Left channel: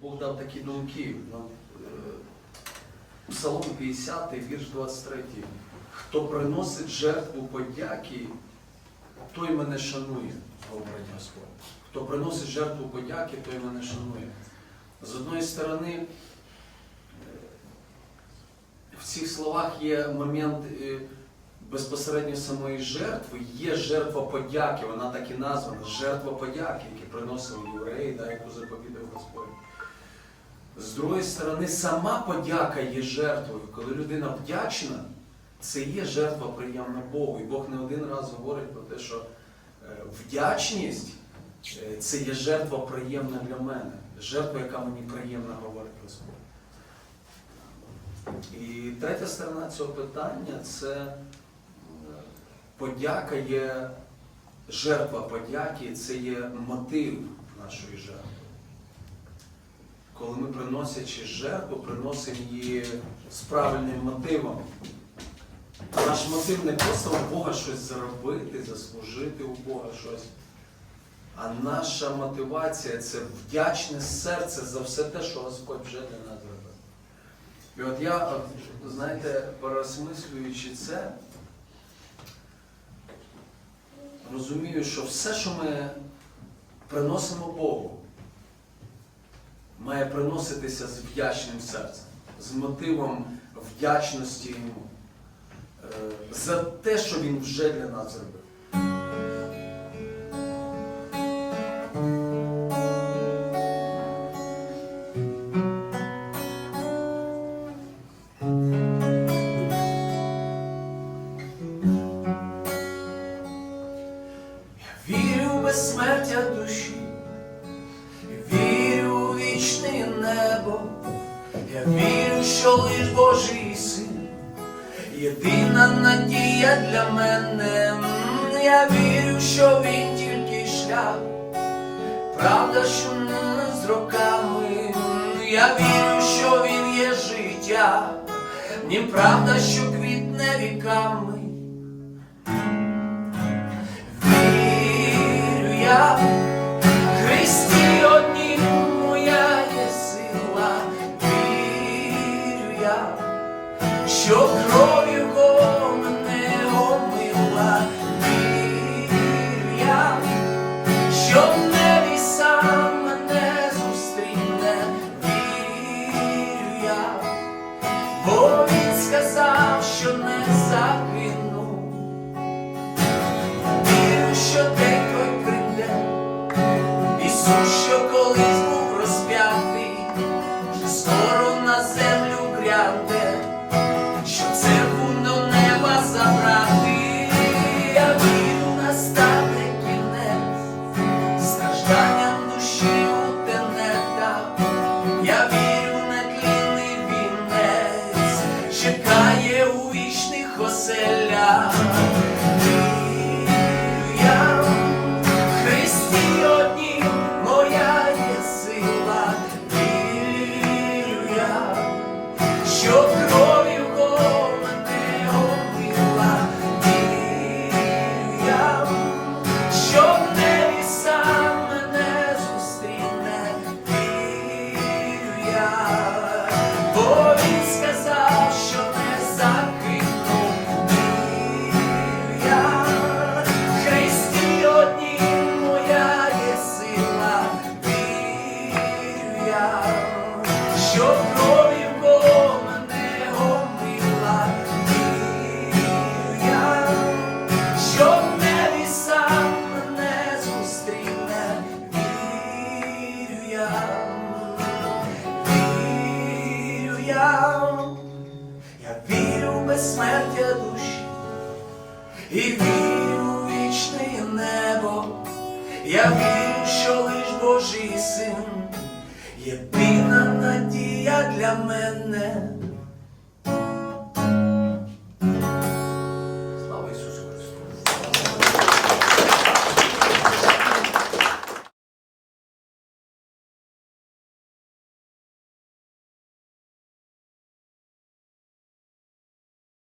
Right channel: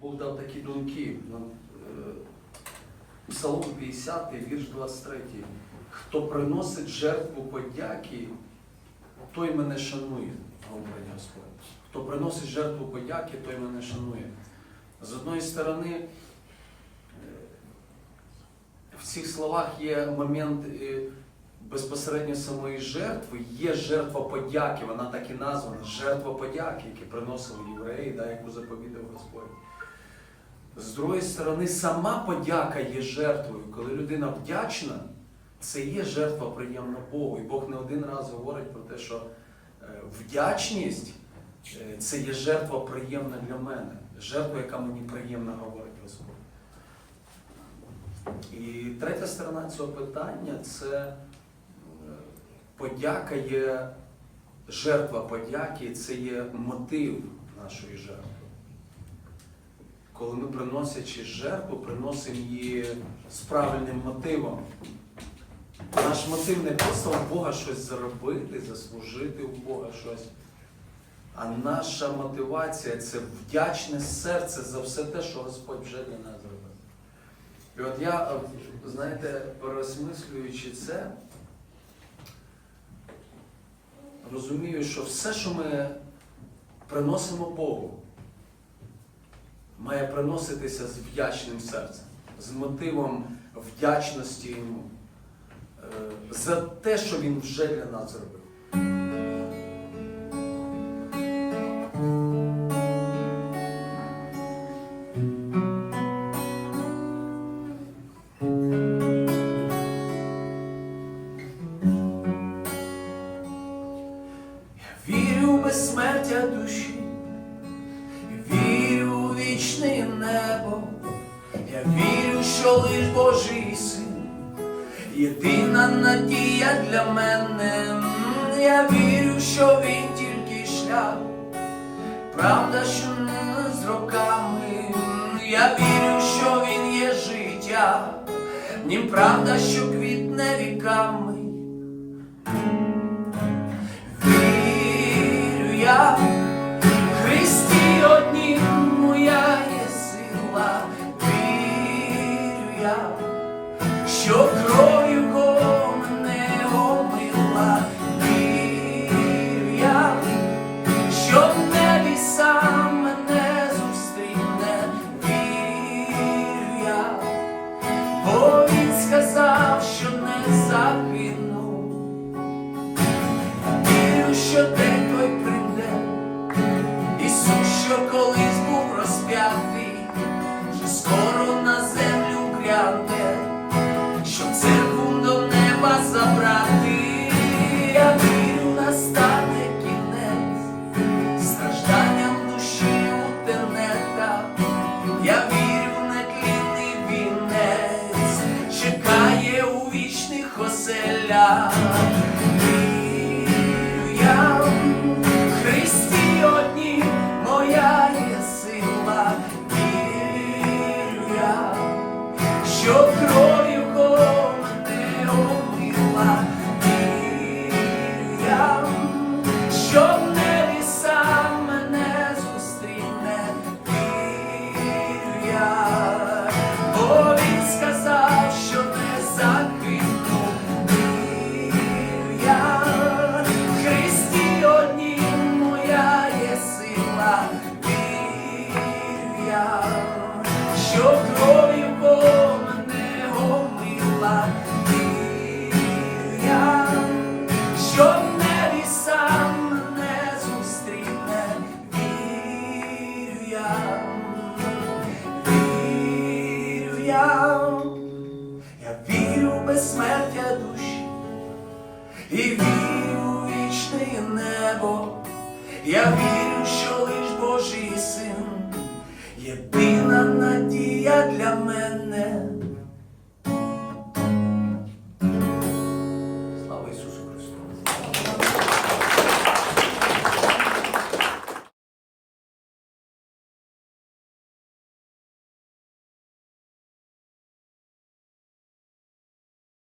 Бог дав такі думки. Нам, е, Псалом 50, вірш 23. Хто приносить жертву подяки, той мене шанує, говорить Господь. Хто приносить жертву подяки, той мене шанує. З одної сторони, е, в цих словах є момент е, безпосередньо самої жертви, є жертва подяки, вона так і названа, жертва подяки, яку приносили євреї, да, яку заповідав Господь. З другої сторони, сама подяка є жертвою. Коли людина вдячна, це є жертва приємна Богу. І Бог не один раз говорить про те, що е, вдячність е, це є жертва приємна для мене. Жертва, яка мені приємна, говорить Господь. І третя сторона цього питання це е, подяка є жертва подяки, це є мотив нашої жертви. Коли ми приносячи жертву, приносимо її з правильним мотивом. Наш мотив не просто у Бога щось заробити, заслужити у Бога щось. А наша мотивація це вдячне серце за все те, що Господь вже для нас зробив. І от я, знаєте, переосмислюючи це, розумію, що все, що ми приносимо Богу, має приноситися з вдячним серцем, з мотивом вдячності йому е, за те, що він вже для нас зробив. Вірю в безсмертя душі, у небо, я вірю, що лиш Божий син, єдина надія для мене. Я вірю, що він тільки шлях, правда, що не з роками. Я вірю, що він є життя, ні правда, що квітне віками. Вірю що кров'ю мене омила, вір'я, що в небі сам мене зустріне, вір'я, бо він сказав, що не загину. Я, я вірю в безсмертя душі і вірю в вічне небо. Я вірю, що лиш Божий син, єдина надія для мене.